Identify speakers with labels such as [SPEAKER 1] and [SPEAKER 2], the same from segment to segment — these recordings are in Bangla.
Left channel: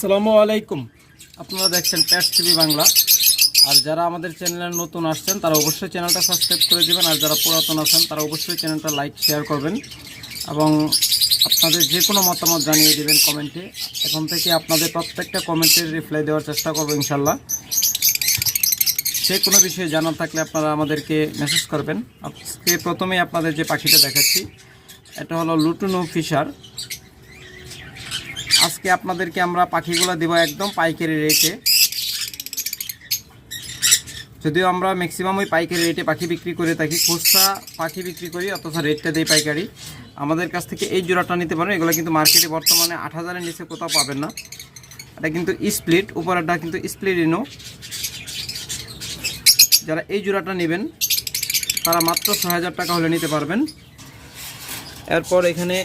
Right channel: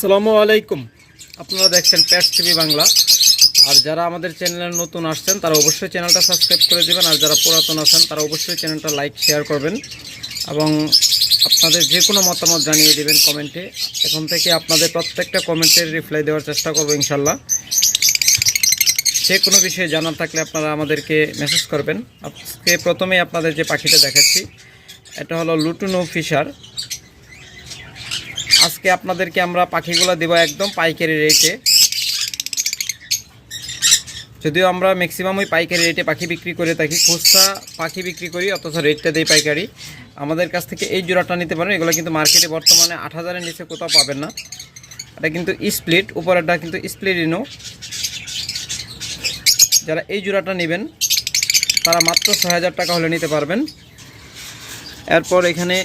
[SPEAKER 1] আসসালামু আলাইকুম। আপনারা দেখছেন প্যাট টিভি বাংলা। আর যারা আমাদের চ্যানেলে নতুন আসছেন, তারা অবশ্যই চ্যানেলটা সাবস্ক্রাইব করে দেবেন। আর যারা পুরাতন আছেন, তারা অবশ্যই চ্যানেলটা লাইক, শেয়ার করবেন। এবং আপনাদের যে কোনো মতামত জানিয়ে দেবেন কমেন্টে। এখন থেকে আপনাদের প্রত্যেকটা কমেন্টের রিপ্লাই দেওয়ার চেষ্টা করব, ইনশাল্লাহ। যে কোনো বিষয়ে জানার থাকলে আপনারা আমাদেরকে মেসেজ করবেন। আজকে প্রথমেই আপনাদের যে পাখিটা দেখাচ্ছি, এটা হলো লুটুনো ফিশার। আজকে আপনাদেরকে আমরা পাখিগুলো দেবো একদম পাইকারি রেটে যদিও আমরা ম্যাক্সিমাম ওই পাইকারি রেটে পাখি বিক্রি করে থাকি, খুচরা পাখি বিক্রি করি, অথচ রেটটা দিই পাইকারি। আমাদের কাছ থেকে এই জোড়াটা নিতে পারেন, এগুলো কিন্তু মার্কেটে বর্তমানে আট হাজারের নিচে কোথাও পাবেন না। এটা কিন্তু স্প্লিট উপরেরটা কিন্তু স্প্লিট ইনো যারা এই জোড়াটা নেবেন, তারা মাত্র ছয় হাজার টাকা হলে নিতে পারবেন। এরপর এখানে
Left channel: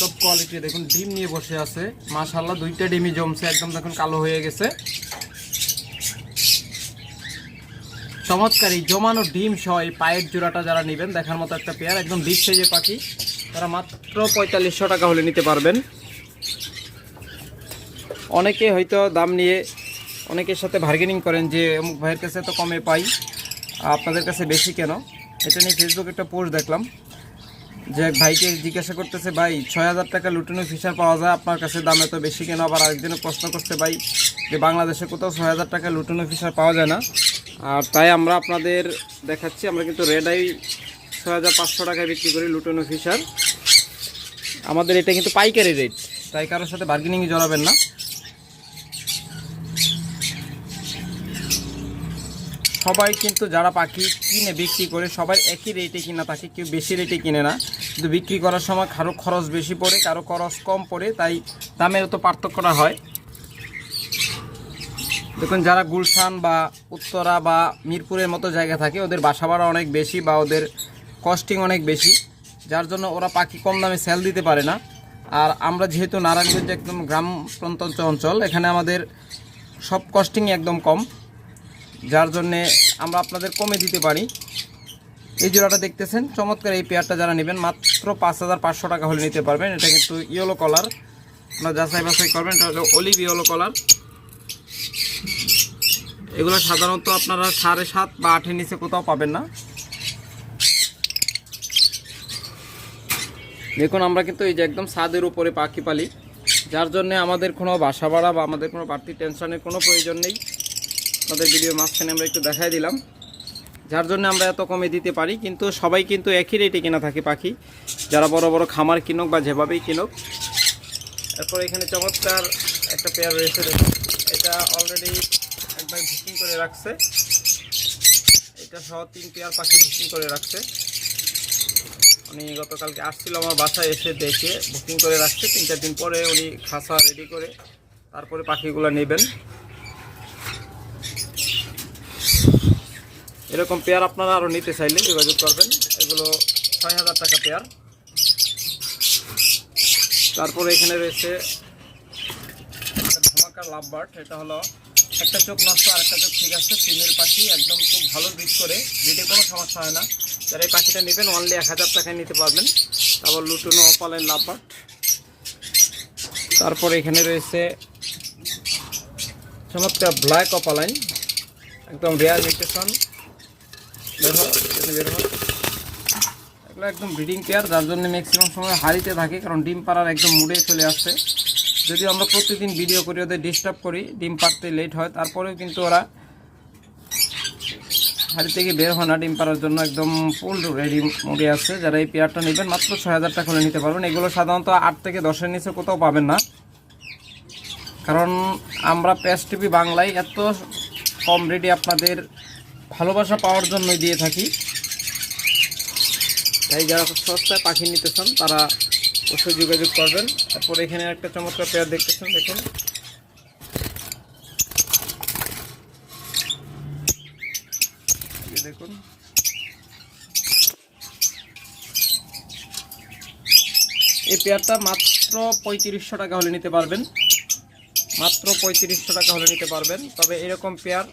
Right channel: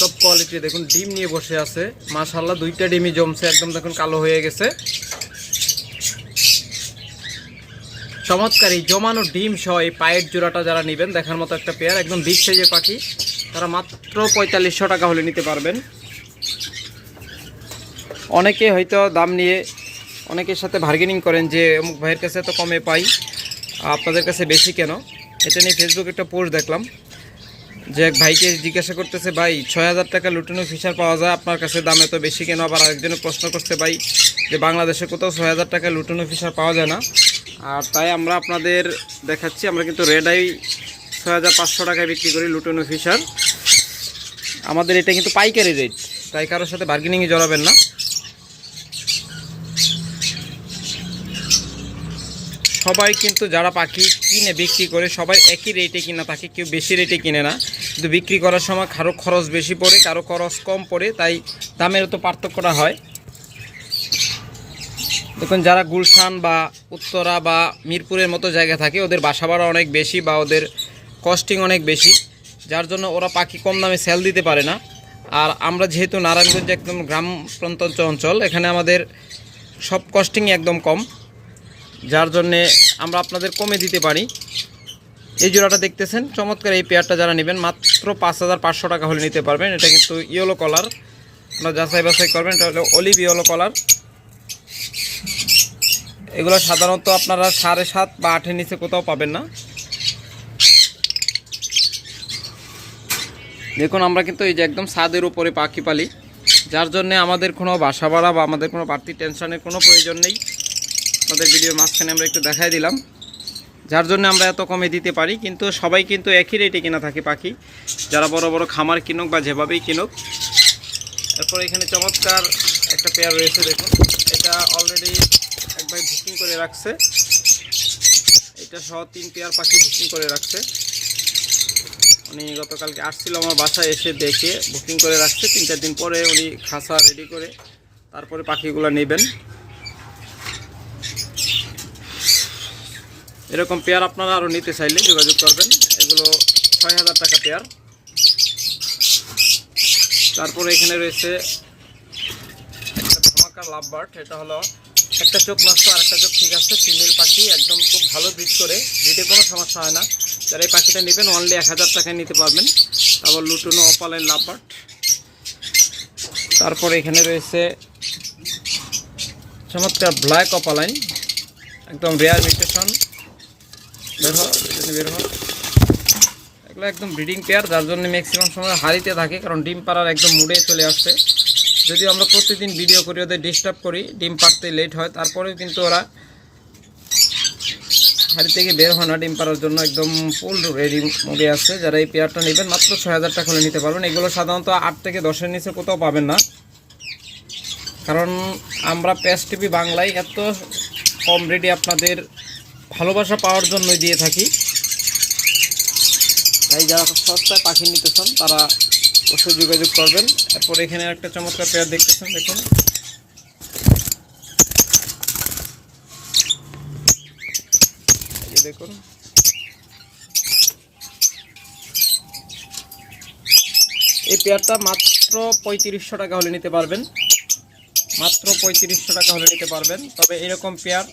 [SPEAKER 1] সব কোয়ালিটি দেখুন, ডিম নিয়ে বসে আছে। মাশাল্লাহ দুইটা ডিমই জমছে, একদম দেখুন কালো হয়ে গেছে। চমৎকার জমানো ডিম সহ এই পায়ের জোড়াটা যারা নেবেন, দেখার মতো একটা পেয়ার একদম বিগ সাইজের পাখি। তারা মাত্র পঁয়তাল্লিশশো টাকা হলে নিতে পারবেন। অনেকে হয়তো দাম নিয়ে অনেকের সাথে বার্গেনিং করেন যে, অমুক ভাইয়ের কাছে তো কমে পাই, আপনাদের কাছে বেশি কেন? এটা নিয়ে ফেসবুকে একটা পোস্ট দেখলাম। যে এক ভাইকে জিজ্ঞাসা করতেছে, ভাই, ছয় হাজার টাকা লুটেনো ফিশার পাওয়া যায় আপনার কাছে? দাম এত বেশি কেন? আবার আরেকজনে প্রশ্ন করছে, ভাই, যে বাংলাদেশে কোথাও ছয় হাজার টাকা লুটেনো ফিশার পাওয়া যায় না। আর তাই আমরা আপনাদের দেখাচ্ছি, আমরা কিন্তু রেড আই ছয় হাজার পাঁচশো টাকায় বিক্রি করি লুটেনো ফিশার আমাদের এটা কিন্তু পাইকারি রেট তাই কারোর সাথে বার্গেনিংয়ে জড়াবেন না। সবাই কিন্তু যারা পাখি কিনে বিক্রি করে, সবাই একই রেটে কিনা থাকে কেউ বেশি রেটে কিনে না। কিন্তু বিক্রি করার সময় কারও খরচ বেশি পড়ে, কারও খরচ কম পড়ে, তাই দামের তো পার্থক্যটা হয়। দেখুন, যারা গুলশান বা উত্তরা বা মিরপুরের মতো জায়গা থাকে, ওদের বাসা ভাড়া অনেক বেশি বা ওদের কস্টিং অনেক বেশি, যার জন্য ওরা পাখি কম দামে সেল দিতে পারে না। আর আমরা যেহেতু নারায়ণগঞ্জ একদম গ্রাম প্রত্যন্ত অঞ্চল, এখানে আমাদের সব কস্টিংই একদম কম, যার জন্যে আমরা আপনাদের কমে দিতে পারি। এই জোড়াটা দেখতেছেন? চমৎকার এই পেয়ারটা যারা নেবেন, মাত্র পাঁচ হাজার পাঁচশো টাকা হলে নিতে পারবেন। এটা কিন্তু ইয়েলো কলার আপনারা যাচাই বাছাই করবেন, এটা হলো অলিভ ইয়েলো কলার এগুলো সাধারণত আপনারা সাড়ে সাত বা আটের নিচে কোথাও পাবেন না। দেখুন, আমরা কিন্তু এই যে একদম ছাদের উপরে পাখি পালি, যার জন্য আমাদের কোনো বাসা ভাড়া বা আমাদের কোনো বাড়তি টেনশনের কোনো প্রয়োজন নেই। আপনাদের ভিডিও মাঝখানে আমরা একটু দেখাই দিলাম। যার জন্য আমরা এত কমে দিতে পারি, কিন্তু সবাই কিন্তু একই রেটে কেনা থাকে পাখি। যারা বড় বড় খামার কিনুক বা যেভাবেই কিনুক। এরপর এখানে চমৎকার একটা পেয়ার রয়েছে, দেখুন। এটা অলরেডি একবার বুকিং করে রাখছে। এটা সহ তিন পেয়ার পাখি বুকিং করে রাখছে। উনি গতকালকে আসছিল আমার বাসায় এসে দেখে বুকিং করে রাখছে। তিন চার দিন পরে উনি খাসা রেডি করে তারপরে পাখিগুলো নেবেন। এরকম পেয়ার আপনারা আরও নিতে চাইলে যোগাযোগ করবেন। এগুলো ছয় হাজার টাকা পেয়ার। তারপরে এখানে রয়েছে ধামাকা লাভ বার্ড, এটা হলো একটা চোখ নষ্ট আর একটা চোখ ঠিক আছে ফিমেল পাখি, একদম খুব ভালো দিক করে যেতে কোনো সমস্যা হয় না। যারা এই পাখিটা নেবেন অনলি এক হাজার টাকায় নিতে পারবেন। তারপর লুটুনো অপালাইন লাভ বার্ড। তারপরে এখানে রয়েছে চমৎকার ব্ল্যাক অপালাইন একদম রেয়ার মিউটেশন বের হও এখানে বের হও এগুলো একদম ব্রিডিং পেয়ার, যার জন্য ম্যাক্সিমাম সময় হারিতে থাকে, কারণ ডিম পাড়ার একদম মুডে চলে আসছে। যদিও আমরা প্রতিদিন ভিডিও করি, ওদের ডিস্টার্ব করি, ডিম পাড়তে লেট হয়, তারপরেও কিন্তু ওরা হাড়ি থেকে বের হয় না ডিম পাড়ার জন্য, একদম ফুল রেডি মুডে আছে যারা এই পেয়ারটা নেবেন, মাত্র ছয় হাজার টাকা হলে নিতে পারবেন। এগুলো সাধারণত আট থেকে দশের নিচে কোথাও পাবেন না। কারণ আমরা প্যাস টিভি বাংলায় এত কম রেটে আপনাদের ভালোবাসা পাওয়ার জন্যই দিয়ে থাকি। তাই যারা সস্তায় পাখি নিতে চান, তারা অবশ্যই যোগাযোগ করবেন। এরপর এখানে একটা চমৎকার পেয়ার দেখতেছেন, দেখুন। দেখুন। এই পেয়ারটা মাত্র পঁয়ত্রিশশো টাকা হলে নিতে পারবেন। মাত্র পঁয়ত্রিশশো টাকা হলে নিতে পারবেন। তবে এরকম পেয়ার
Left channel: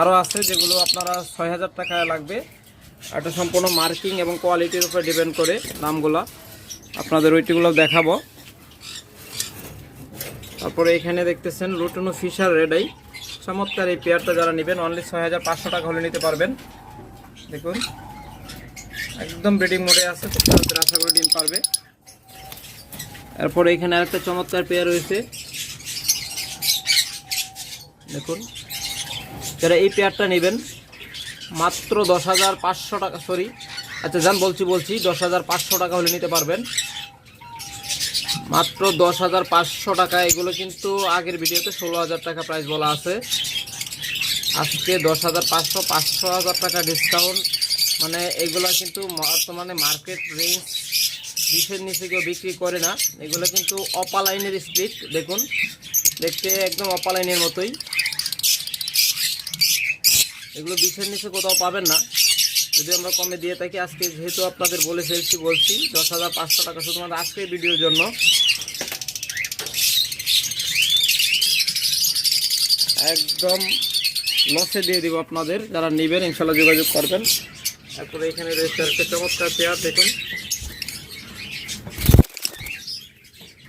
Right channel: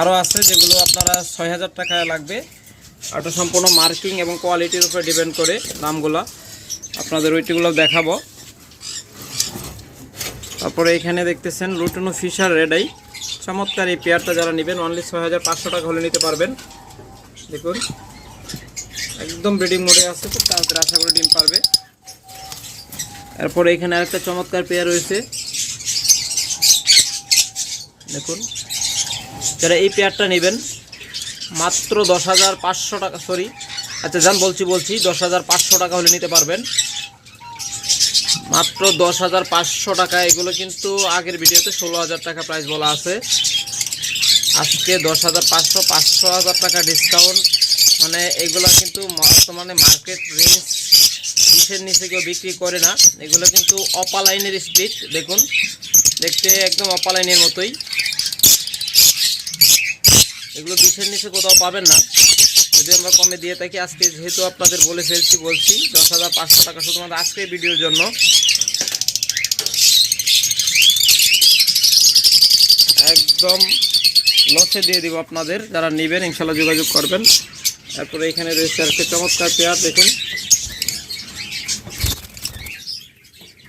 [SPEAKER 1] আরও আছে যেগুলো আপনারা ছয় হাজার টাকায় লাগবে। এটা সম্পূর্ণ মার্কিং এবং কোয়ালিটির উপরে ডিপেন্ড করে দামগুলো। আপনাদের ওইটিগুলো দেখাবো। তারপরে এখানে দেখতেছেন লুটনো ফিশার রেডাই। চমৎকার এই পেয়ারটা যারা নেবেন অনলি ছয় হাজার পাঁচশো টাকা হলে নিতে পারবেন। দেখুন, একদম ব্রিডিং মোডে আছে তাড়াতাড়ি আশা করে ডিম পারবে। এরপরে এখানে আরেকটা চমৎকার পেয়ার রয়েছে। দেখুন যারা এই পেয়ারটা নেবেন, মাত্র দশ হাজার পাঁচশো টাকা সরি আচ্ছা যান বলছি বলছি, দশ হাজার পাঁচশো টাকা হলে নিতে পারবেন। মাত্র দশ হাজার পাঁচশো টাকা, এগুলো কিন্তু আগের ভিডিওতে ষোলো হাজার টাকা প্রাইস বলা আছে। আজকে দশ হাজার পাঁচশো পাঁচশো হাজার টাকা ডিসকাউন্ট মানে এগুলো কিন্তু বর্তমানে মার্কেট রেঞ্জ বিশের নিচে কেউ বিক্রি করে না। এগুলো কিন্তু অপালাইনের স্প্লিট দেখুন, দেখতে একদম অপালাইনের মতোই। এগুলো বিশের নিচে কোথাও পাবেন না। যদি আমরা কমে দিয়ে থাকি, আজকে যেহেতু আপনাদের বলে ফেলছি, বলছি, দশ হাজার পাঁচশো টাকা শুধুমাত্র আজকের ভিডিওর জন্য। একদম লসে দিয়ে দিব আপনাদের। যারা নেবেন, ইনশাল্লাহ যোগাযোগ করবেন। তারপরে এখানে রয়েছে একটা চমৎকার পেয়ার, দেখুন।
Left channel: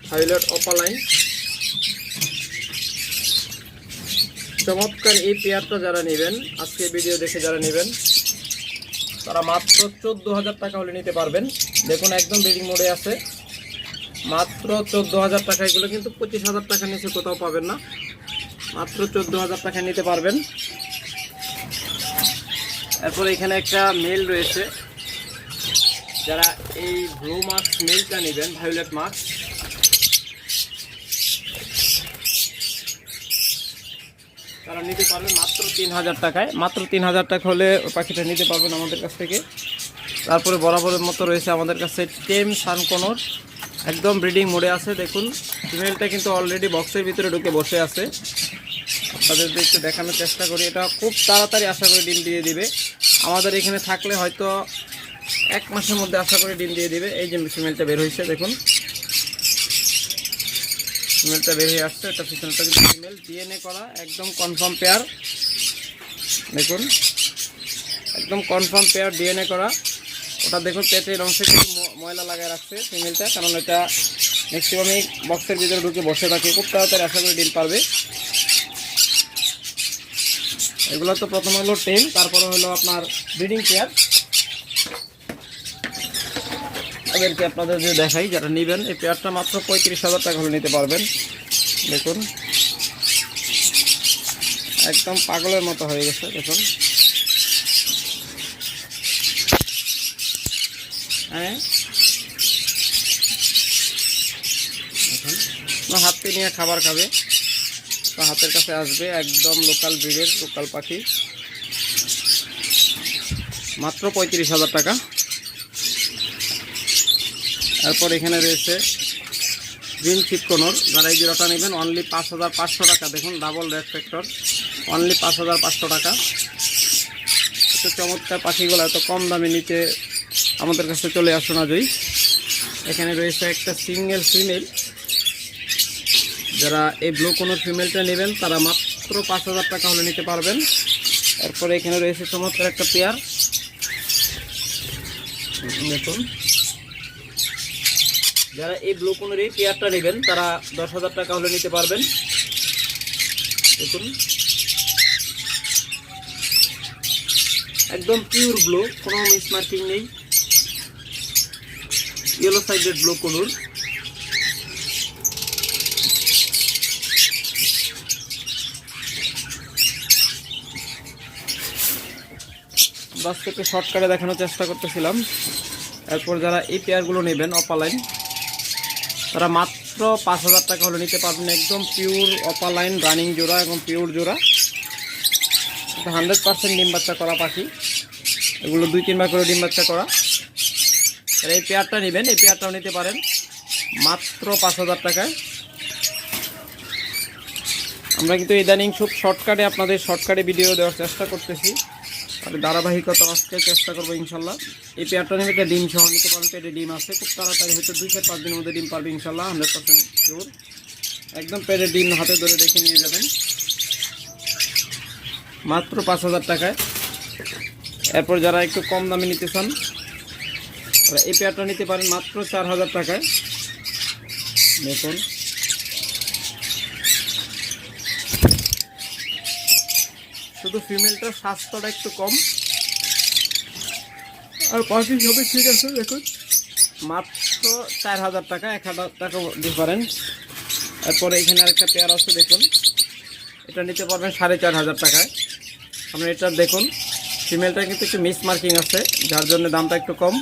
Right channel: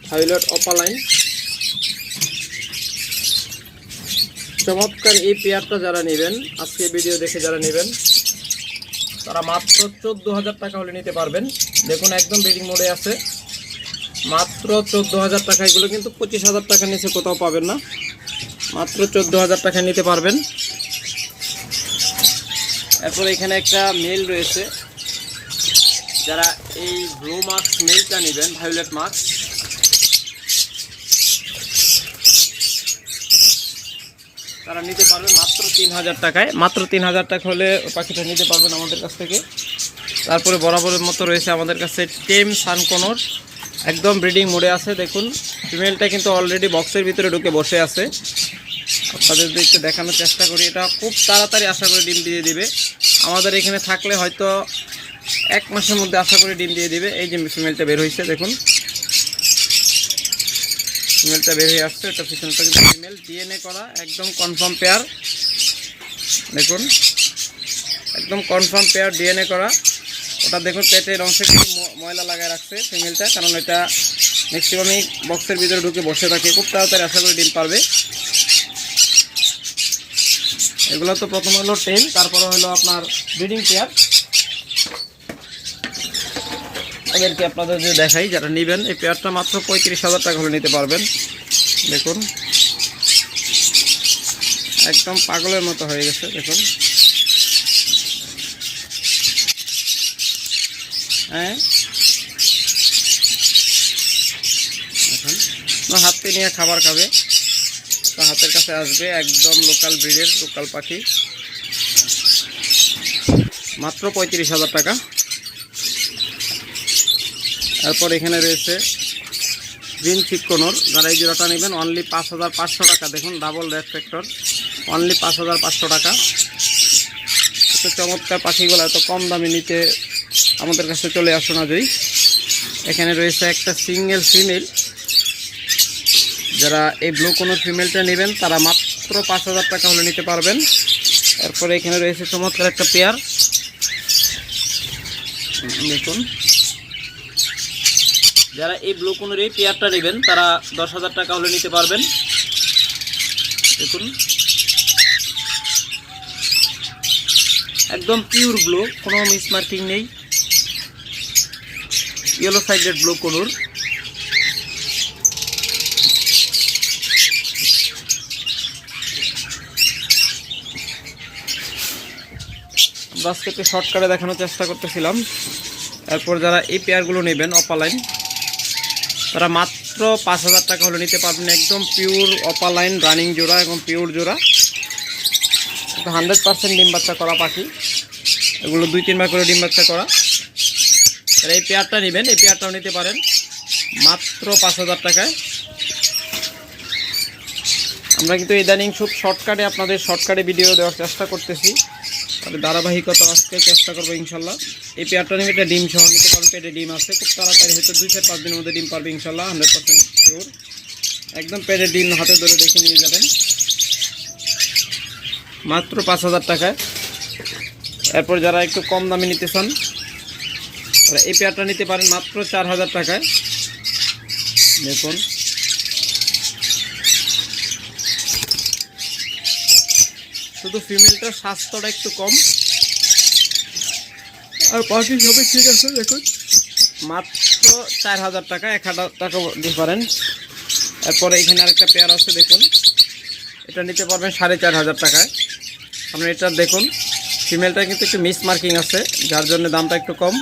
[SPEAKER 1] Highlight opaline. চমৎকার এই পেয়ারটা যারা নেবেন আজকে ভিডিও দেখে যারা নেবেন, তারা মাত্র চোদ্দ হাজার টাকা হলে নিতে পারবেন। দেখুন, একদম বেডিং মোডে আছে। মাত্র চোদ্দ হাজার টাকা, এগুলো কিন্তু পঁচিশ হাজার টাকার নিচে কোথাও পাবেন না। মাত্র চোদ্দ হাজার টাকা নিতে পারবেন। এরপর এখানে একটা মেল রয়েছে। যারা এই ব্লু মার্কস মেলটা নেবেন ভায়োলেট মার্কস তারা নিতে পারবে মাত্র তিন হাজার টাকায়। মাত্র তিন হাজার টাকা হলে পাখিটা নিতে পারবেন আমাদের কাছ থেকে। তারপরে বরাবরের মতো রয়েছে আমাদের কাছে টেম সানকোনর। একদম ব্রিডিং মোডে আছে, দেখুন। ফিমেলটা কিন্তু অলরেডি বক্সের ভিতরে ঢুকে বসে আছে। আপনাদের একটু দেখানোর চেষ্টা করি। এটা খুব তাড়াতাড়ি আশা করি ডিম দিয়ে দিবে। আমাদের এখানে থাকলে হয়তো এক মাসের মধ্যে আশা করি ডিম দিয়ে দিবে। এই যে ফিমেলটা বের হয়েছে, দেখুন। ফিমেলটা বের হয়ে আসছে এটা পিছনটা কিন্তু ফিমেল ডিএনএ করা, একদম কনফার্ম পেয়ার দেখুন, একদম কনফার্ম পেয়ার ডিএনএ করা। ওটা দেখুন, পেটের অংশে কিছু ময়লা লাগায় রাখছে ফিমেলটা কারণ এটা ম্যাক্সিমামই বক্সের ভিতরে ঢুকে বসে থাকে। খুব তাড়াতাড়ি আশা করি ডিম পারবে। এগুলো তো প্রথম হলো টেন তারপরে হলো আপনার ব্রিডিং পেয়ার ওদেরকে আপনাদের যে দেখাই, যারা নেবেন, এই পেয়ারটা মাত্র পঁয়ত্রিশ হাজার টাকা হলে নিতে পারবেন। দেখুন। একদম পাগলের মতো হয়ে গেছে, দেখুন। হ্যাঁ। হাতে নিয়ে খাবার খাবে। হাতের কাছে আসবে একদম লোকাল ব্রিডের, লোকাল পাখি। মাত্র পঁয়ত্রিশ হাজার টাকা। তারপর এখানে রয়েছে গ্রিন চিকনোর যারা এই জোড়াটা নেবেন অনলি পাঁচ হাজার পাঁচশো টাকা। দেখুন ডাবল রেড ফ্যাক্টর অনলি পাঁচ হাজার পাঁচশো টাকা। এত চমৎকার পাখিগুলো, এত কম দামে নিতে আমাদের কাছে চলে আসুন আজই এখানে রয়েছে একটা সিঙ্গেল ফিমেল যারা এই ব্লু কোনো ফিমেলটা নেবেন, তারা মাত্র পাঁচ হাজার টাকা হলে নিতে পারবেন। এরপরে এখানে রয়েছে চমৎকার একটা পেয়ার দেখুন। যারা এই ব্লু কোনের এই পেয়ারটা নেবেন, তারা দশ হাজার টাকা হলে নিতে পারবেন। দেখুন। একদম পিওর ব্লু কোনো মিস মার্কিং নেই। ইয়েলো সাইডেড ব্লু কোনুর। একটু শর্টকাটে দেখানোর চেষ্টা করতেছিলাম। তারপর যারা এই পেয়ারগুলো নেবেন অপালাইন তারা মাত্র পাঁচ হাজার টাকা হলে নিতে পারবেন একদম পিওর অপালাইন রানিং জোড়া এবং পিওর জোড়া। হান্ড্রেড পার্সেন্ট ডিম বাচ্চা করা পাখি। এগুলো দুই, তিনবার করে ডিম বাচ্চা করা। তারা এই পেয়ারটা নেবেন, এই পেয়ারটাও নিতে পারেন। মাত্র পাঁচ হাজার টাকায়। আমরা কিন্তু ইদানিং খুব শর্টকাটে আপনাদের শর্টকাটে ভিডিও দেওয়ার চেষ্টা করতেছি। আর ধারাবাহিকতা আজকে চেষ্টা করব ইনশাল্লাহ। এই পেয়ারটা নিয়ে একটা ডিম সহ নিতে পারবেন, পেটে ডিম আছে। খুব তাড়াতাড়ি হয়তো দুই চার পাঁচ দিনের মধ্যে ডিম পারবে ইনশাল্লাহ হান্ড্রেড পার্সেন্ট শিওর একদম পেটে ডিম হাতে ধরে দেখে নিয়ে যাবেন। মাত্র পাঁচ হাজার টাকায়। এরপর যারা একটু কম দামে নিতে চান এই পেয়ারটা নিতে পারেন মাত্র চার হাজার টাকায়। দেখুন। শুধু ফিমেলটার স্বাস্থ্যটা একটু কম। আর বাকি সবই ঠিক আছে, দেখুন। মাত্র চার হাজার টাকা, এক হাজার টাকা ডিফারেন্স এরপরে এখানে আরেকটা পেয়ার আছে, দেখুন। এটা নিতে পারবেন সাড়ে চার হাজার টাকায়। আপনি এটা দেখুন ফিমেলটা কিন্তু একটু মিস মার্কিং আছে, যার জন্য দামটা একটু কম।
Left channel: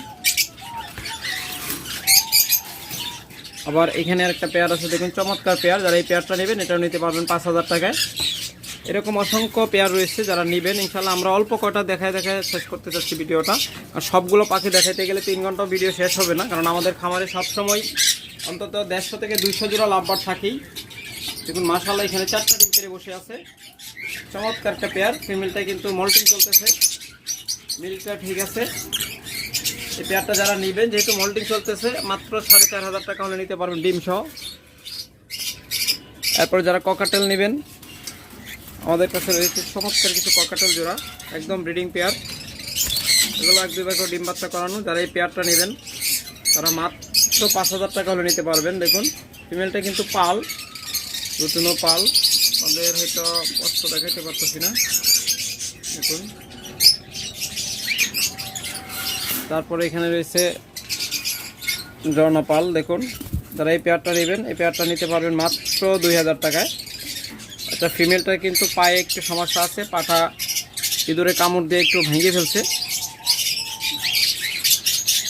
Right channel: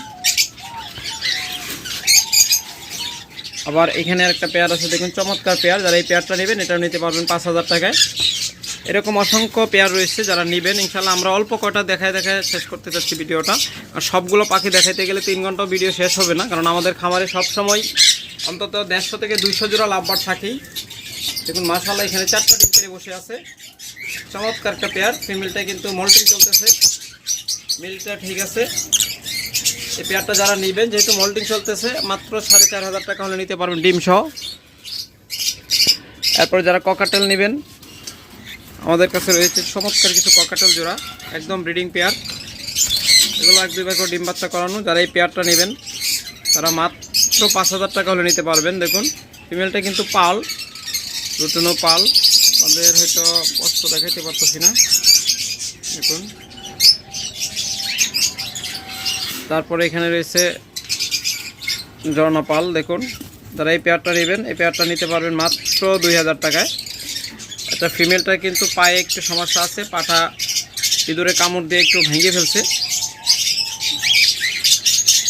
[SPEAKER 1] আবার এখানে একটা পেয়ার আছে, দেখুন, চমৎকার পেয়ার যারা এই পেয়ারটা নেবেন, এটাও নিতে পারবেন পাঁচ হাজার টাকায়। এরকম অসংখ্য পেয়ার রয়েছে যারা নেবেন। ইনশাল্লাহ আমরা অল্প কটা দেখায় দেখায় শেষ করতে চাচ্ছি ভিডিওটা। আর সবগুলো পাখি দেখাইতে গেলে তিন ঘণ্টা ভিডিও শেষ হবে না, কারণ আমাদের খামারে সবসময় অন্তত দেড়শো থেকে দুইশো জোড়া লাভবার থাকেই দেখুন মাসাল্লাহ এখানে চারটা ডিম পেরে বসে আছে। চমৎকার একটা পেয়ার ফিমেলটা কিন্তু মল্টিং চলতেছে। মিলটা ঠিক আছে। এই পেয়ারটা যারা নেবেন, যেহেতু মল্টিং চলতেছে, মাত্র সাড়ে চার হাজার টাকা হলে নিতে পারবেন ডিম সহ এরপর যারা ককাটেল নেবেন আমাদের কাছে রয়েছে চমৎকার কিছু ককাটেল জোড়া, একদম ব্রিডিং পেয়ার। এগুলো এক, দুই করে ডিম বাচ্চা করানো, যারা এই পেয়ারটা নেবেন, তারা মাত্র পাঁচ হাজার টাকা হলে নিতে পারবেন। দেখুন ফিমেলটা কিন্তু পাল রুটুনো পাল। আমাদের হয়তো কষ্ট দেখাতে পারতেছি না। দেখুন। তারপরে এখানে রয়েছে ঝর্ণা পাল, দেখুন। যারা এই পেয়ারটা নেবেন, এই পেয়ারটা নিতে পারবেন মাত্র দুই হাজার টাকায়। এটা ফিমেলটা কিন্তু পায়ে একটু সমস্যা আছে, পাটা ইঁদুরে কামড় দিয়ে একটু ভেঙে ফেলছে।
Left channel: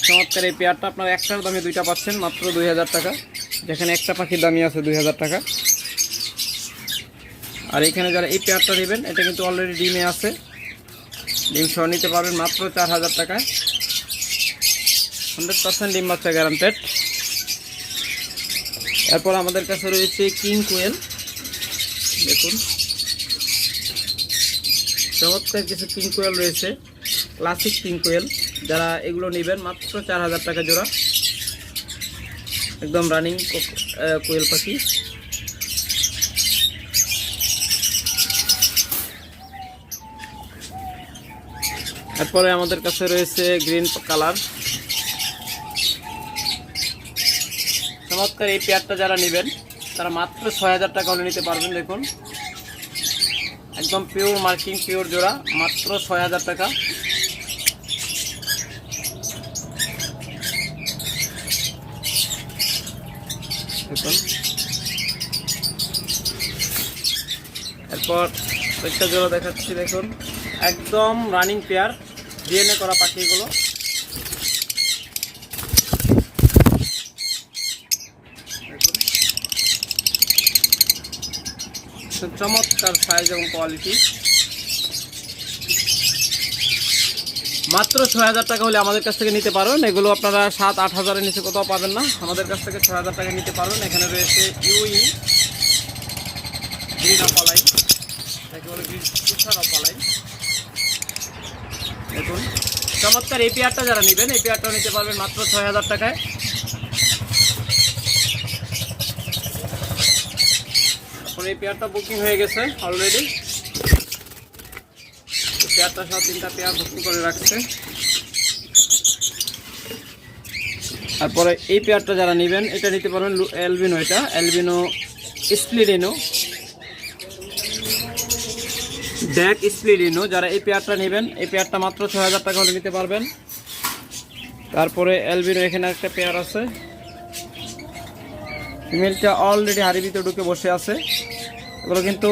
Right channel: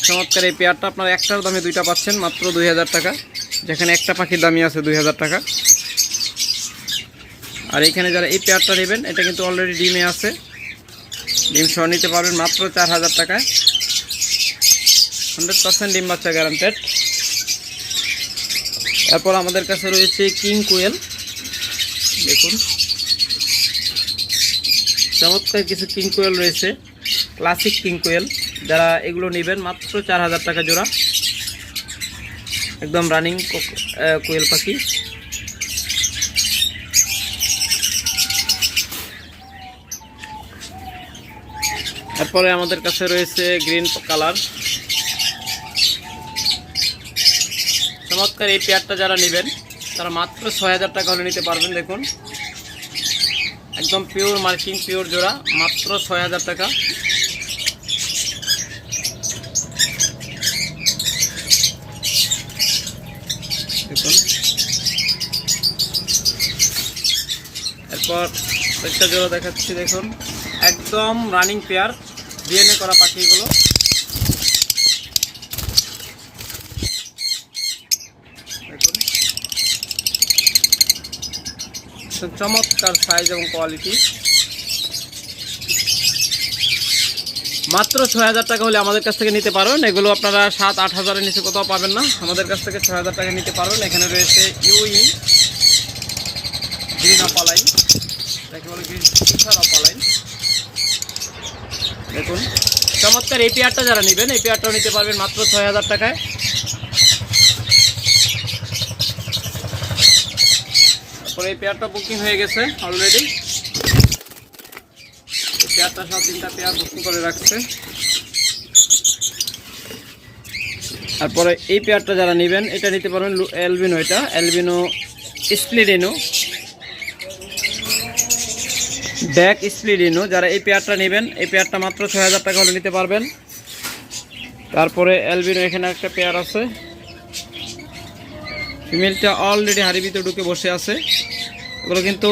[SPEAKER 1] চমৎকার এই পেয়ারটা, আপনার একটার দামে দুইটা পাচ্ছেন, মাত্র দুই হাজার টাকা। যেখানে একটা পাখির দামই আছে দুই হাজার টাকা। আর এখানে যারা এই পেয়ারটা নেবেন, এটা কিন্তু অলরেডি ডিমে আছে। ডিম সহ নিতে পারবেন মাত্র চার হাজার টাকায়। হান্ড্রেড পার্সেন্ট ডিম বাচ্চা গ্যারান্টেড এরপর আমাদের কাছে রয়েছে কিং কোয়েল। দেখুন। চমৎকার কিছু কিং কোয়েল রয়েছে ক্লাসিক কিং কোয়েল। যারা এগুলো নেবেন, মাত্র চার হাজার টাকা জোড়া। একদম রানিং কোয়েল পাখি। এরপরে আমাদের কাছে রয়েছে গ্রিন কালার চমৎকার এই পেয়ারটা যারা নেবেন তারা মাত্র ছয় হাজার টাকা হলে নিতে পারবেন, দেখুন। একদম পিওর মার্কিং পিওর জোড়া, মাত্র ছয় হাজার টাকা। দেখুন। এরপর একটা জোড়া দেখাচ্ছি, দেখুন। একদম রানিং পেয়ার ডিএনএ করা পাখিগুলো। চমৎকার সাইজ এবং কোয়ালিটি মাত্র ছয় হাজার টাকা হলে আমাদের কাছ থেকে নিতে পারবেন। এগুলো আপনারা সাত, আট হাজারের নিচে কোথাও পাবেন না। আমাদের কাছ থেকে ছয় হাজার টাকা নিতে পারবেন। এখানে রয়েছে ইউই গ্রিন অপালাইন অপালাইন দেখুন। চমৎকার এই পেয়ারটা যারা নেবেন এই পেয়ারটাও নিতে পারবেন মাত্র ছয় হাজার টাকায়। তারপরে এই পেয়ারটা বুকিং হয়ে গেছে অলরেডি পেয়ারটা সব তিনটা পেয়ার বুকিং করে রাখছে। তারপরে এই পেয়ারটা যারা নেবেন, এটা নিতে পারবেন লু- অ্যালবিনো এটা। অ্যালবিনো স্প্লিডিনো ব্যাক স্প্লিডিনো যারা এই পেয়ারটা নেবেন, এই পেয়ারটা মাত্র ছয় হাজার টাকা হলে নিতে পারবেন। তারপরে অ্যালবিনো এখানে একটা পেয়ার আছে। ফিমেলটা অলরেডি হাড়ি ভিতরে ঢুকে বসে আছে। এগুলো কিন্তু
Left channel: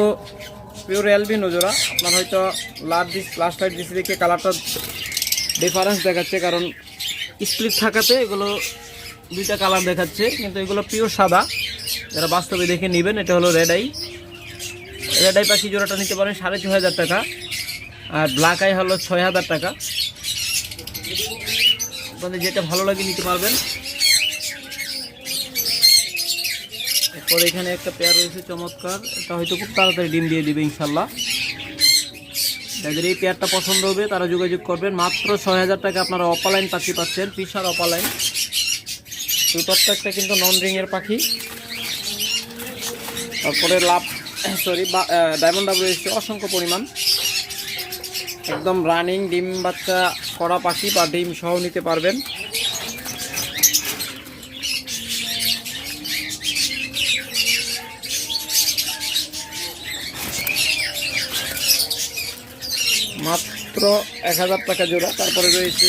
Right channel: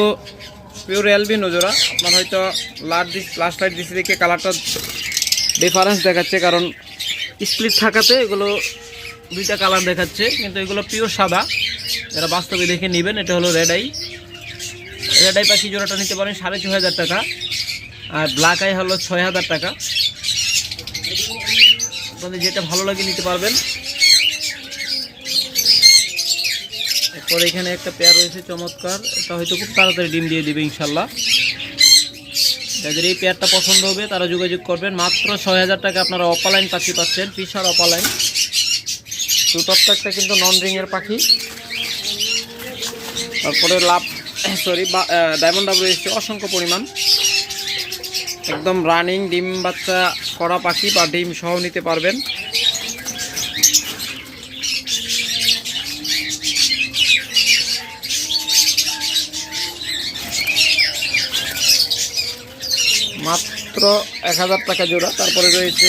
[SPEAKER 1] পিওর অ্যালবিনো জোড়া। আপনার হয়তো লাইট দিস ফ্লাশ লাইট দিচ্ছে দেখে কালারটা ডিফারেন্স দেখাচ্ছে, কারণ স্প্লিট থাকাতে এগুলো দুইটা কালার দেখাচ্ছে, কিন্তু এগুলো পিওর সাদা। যারা বাস্তবে দেখে নেবেন, এটা হলো রেড আই রেড আই পাখি জোড়াটা নিতে পারেন সাড়ে ছয় হাজার টাকা। আর ব্ল্যাক আই হলো ছয় হাজার টাকা। আপনাদের যেটা ভালো লাগে নিতে পারবেন। এরপর এখানে একটা পেয়ার রয়েছে, চমৎকার। এটা হয়তো খুব তাড়াতাড়ি ডিম দিয়ে দিবে, ইনশাল্লাহ। যাদের এই পেয়ারটা পছন্দ হবে, তারা যোগাযোগ করবেন। মাত্র ছয় হাজার টাকা আপনারা অপালাইন পাখি পাচ্ছেন, ফিশার অপালাইন। টুটপটা একটা কিন্তু নন রিংয়ের পাখি। তারপরে লাভ সরি ডায়মন্ড ডাব রয়েছে অসংখ্য পরিমাণ। একদম রানিং ডিম বাচ্চা করা পাখি বা ডিম সহ নিতে পারবেন। মাত্র এক হাজার টাকা জোড়া। তারপরে রয়েছে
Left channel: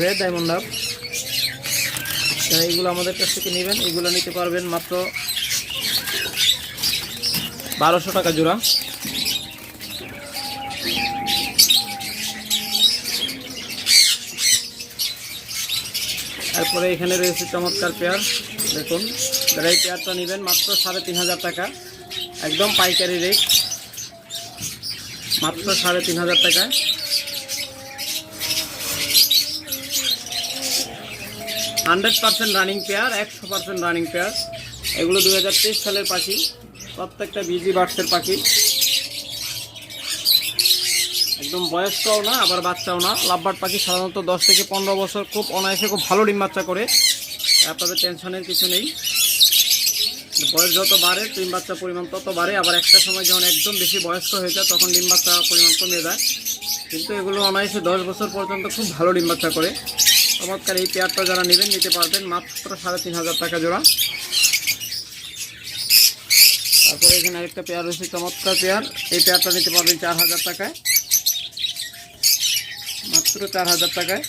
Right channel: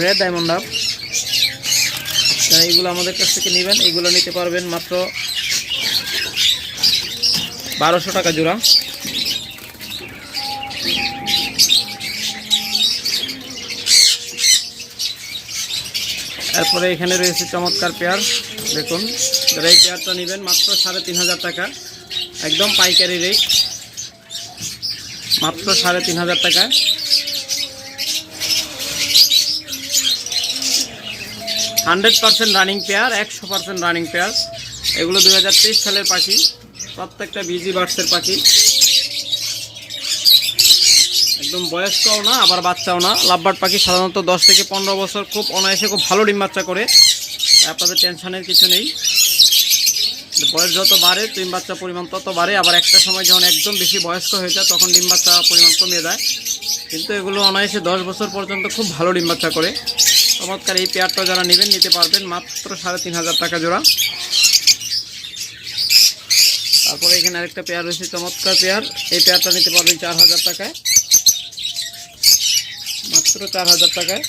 [SPEAKER 1] রেড ডায়মন্ড আপ এইগুলো আমাদের কাছ থেকে নেবেন এইগুলো নিতে পারবেন মাত্র বারোশো টাকা জোড়া। তারপরে এখানে রয়েছে চমৎকার পেয়ার দেখুন, যারা এই পেয়ারটা নেবেন মাত্র সাড়ে তিন হাজার টাকা। একদম পাইকারি রেট মাত্র সাড়ে তিন হাজার টাকা। হান্ড্রেড পার্সেন্ট রানিং পেয়ার, একশো পার্সেন্ট রানিং পেয়ার। এগুলো দুই হাজার তেইশ সালের পাখি, প্রত্যেকটা বিজি বার্ডসের পাখি। একদম বয়স্কও না, আবার বাচ্চাও না। লাভবার্ড পাখি সাধারণত দশ থেকে পনেরো বছর খুব অনায়াসে খুব ভালো ডিম বাচ্চা করে। আপনাদের টেনশনের কিছু নেই। বয়স যত বাড়ে ডিম বাচ্চা পরিমাণ তত বাড়ে, আবার একটা সময় যখন একদম বেশি বয়স্ক হয়ে যায়, তখন ডিম বাচ্চা পরিমাণ কমে যায় কিন্তু এগুলো অনায়াসে দশ বছর পর্যন্ত খুব ভালো ডিম বাচ্চা করে। চমৎকার এই পেয়ারটা যারা নেবেন, নিতে পারবেন মাত্র সাড়ে তিন হাজার টাকা জোড়া। তারপরে এখানে আরেকটা পেয়ার রয়েছে, চমৎকার পেয়ার। এই পেয়ারটা নিতে পারবেন চার হাজার টাকায়। মাত্র চার হাজার টাকায়।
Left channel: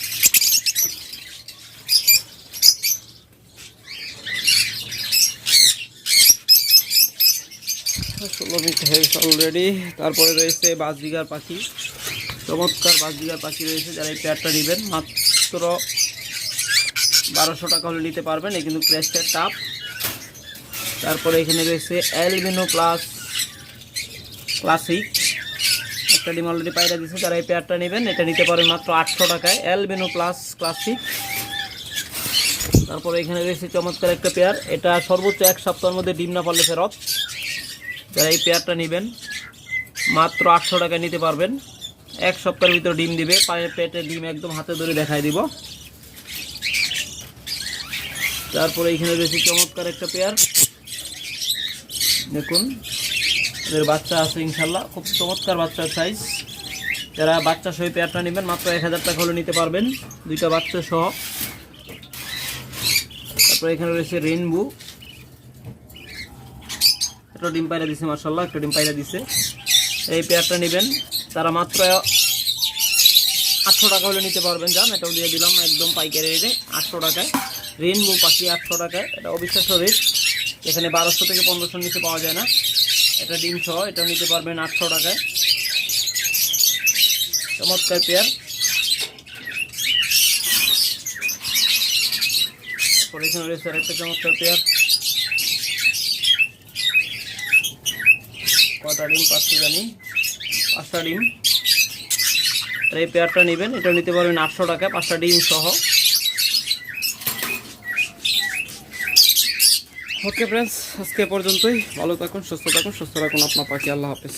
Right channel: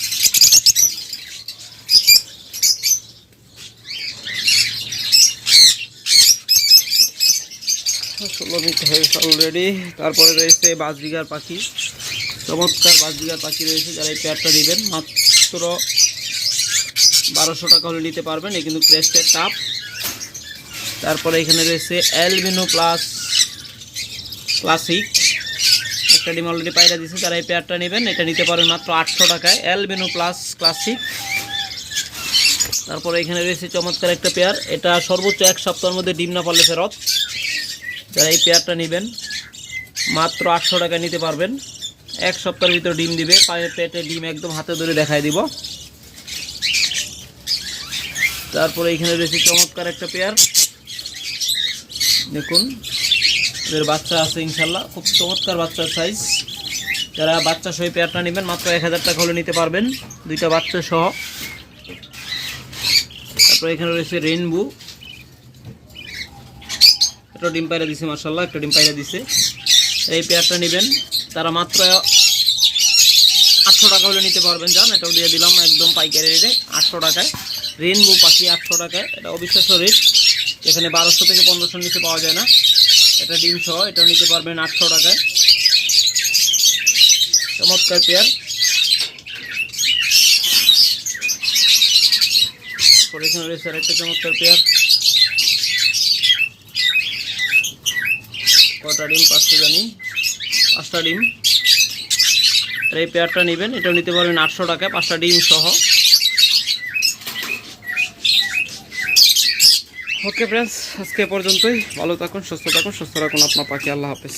[SPEAKER 1] ষোলো মিনিট হয়ে গেছে অলরেডি তারপরে রয়েছে বাজবিঘার পাখি। চমৎকার বাজবিঘার পাখি রয়েছে, যারা এই পেয়ারটা নেবেন, মাত্র বারোশো টাকা হলে নিতে পারবেন। এই কিন্তু ক্রেস্টের টাপ। তারপরে এখানে রয়েছে অ্যালবিনো প্লাস ক্লাসিক একটা ডিম অলরেডি পায়রা দিচ্ছে যারা এই পেয়ারটা নেবেন, এটা নিতে পারেন মাত্র আটশো টাকায়। অ্যালবিনো প্লাস ক্লাসিক তারপরে এখানে রয়েছে চমৎকার একটা পেয়ার এটা সর্বোচ্চ এক সপ্তাহের মধ্যে ডিম না পারলে ফেরত। যারা এই পেয়ারটা নেবেন। মাত্র আটশো টাকায় নিতে পারবেন। এক সপ্তাহের ভিতর ডিম দিবে। পায়ের পেটে ডিম একদম হাতে ধরে দেখাই দিব। তারপরে এখানে রয়েছে চমৎকার একটা পেয়ার। দেখুন, এদের বাচ্চা আছে ইনশাল্লাহ। খুব চমৎকার বাচ্চার সাইজ যারা বাচ্চা সহ পেয়ারটা নেবেন, মাত্র এক হাজার টাকা হলে নিতে পারবেন। দুইটা বাচ্চা সহ। তারপরে এখানে রয়েছে রেনবো একটা ডিম পায়রা দিছে মার্শাল্লাহ একটা ডিম পায়রা দিছে। এই পেয়ারটা নেবেন, তারা মাত্র আটশো টাকা হলে নিতে পারবেন যান এটাও দিয়ে দিলাম একদম পাইকারি রেটে, আটশো টাকায়। রেনবো পাখি আটশো টাকায়, এটা অবিশ্বাস্য রেট। এখানে বারোশো থেকে পনেরোশোর নিচে পাওয়া যায় না। এটা ডিম সহ এটা নিতে পারবেন আটশো টাকায়। চমৎকার পেয়ার। পরে এখানে রয়েছে আরেকটা চমৎকার পেয়ার। কটা ডিম, পাঁচটা জানি। পাঁচটা ডিম। এই পেয়ারটা নেবেন এটা নিতে পারবেন আটশো টাকা, পাঁচটা ডিম সহ। ওকে ফ্রেন্ডস আজকে পর্যন্তই। ভালো থাকুন, সুস্থ থাকুন, সুস্থ রাখুন। আপনার পাখি, আল্লাহ হাফেজ।